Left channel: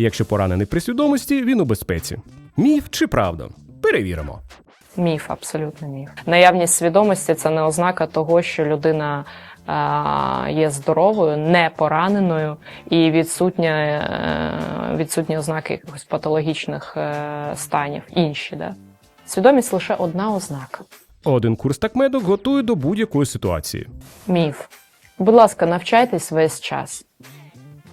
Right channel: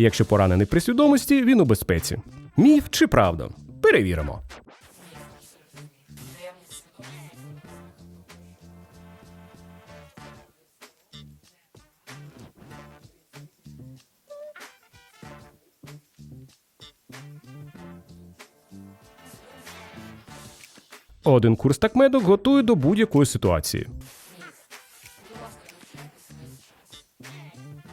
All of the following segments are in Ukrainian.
Якщо поранений при свідомості, він у безпеці. Міф чи правда? Перевіримо. Міф, абсолютно міф. Наявність свідомості це не ознака того, що людина є здоровою, не пораненою і відсутня, е, відсутні ознаки якихось патологічних е, станів. Інші, да? Свідомість лише одна ознака. Один курс такмедок готує до будь-якої ситуації. Міф. Будь ласка, навчайтесь весь час.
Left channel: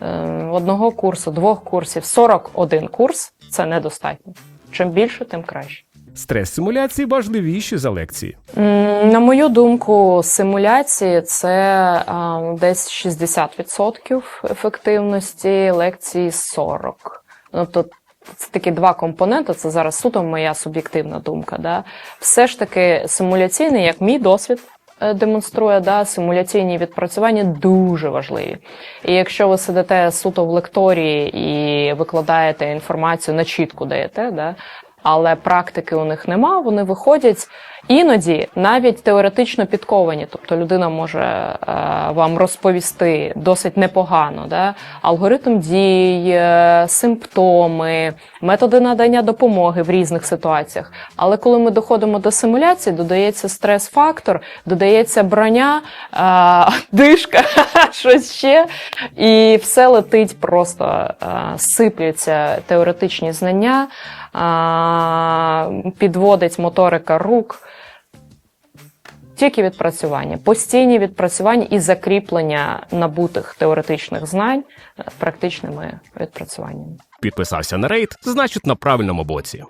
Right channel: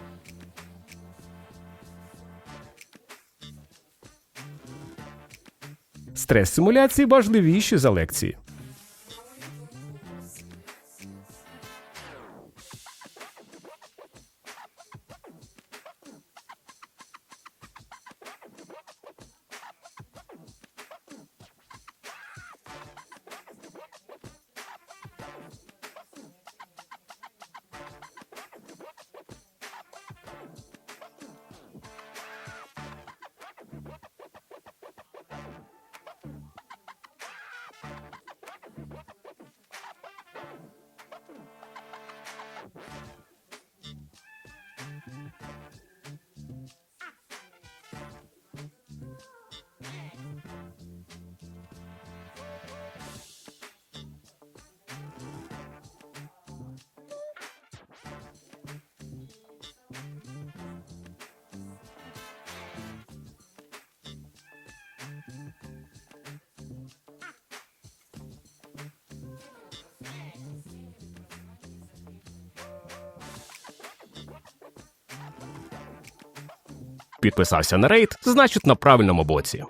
Е, Одного курсу, двох курсів, 41 курс це недостатньо. Чим більше, тим краще. Стрес-симуляції важливіші за лекції. На мою думку, симуляції це десь 60% ефективності, лекції 40%. Тобто це такі два компоненти. Це зараз суто моя суб'єктивна думка. Да? Все ж таки симуляційний, як мій досвід. Е, Демонструє да, симуляційні відпрацювання дуже важливі. І якщо ви сидите суто в лекторії і викладаєте інформацію на чітку даєте, да, але практики у них нема, вони виходять іноді навіть теоретично підковані. Тобто людина може е, вам розповісти досить непогано, да? алгоритм дій, е, симптоми, методи надання допомоги в різних ситуаціях. Але коли ми доходимо до симуляції, додається стрес-фактор, додається броня, е, дишка, щось ще, і все летить просто е, сипляться теоретичні знання, підводить моторика рук. Тільки відпрацювання, постійні відпрацювання і закріплення набутих теоретичних знань практичними відпрацюваннями. Підписався на рейд, значить на правильному боці.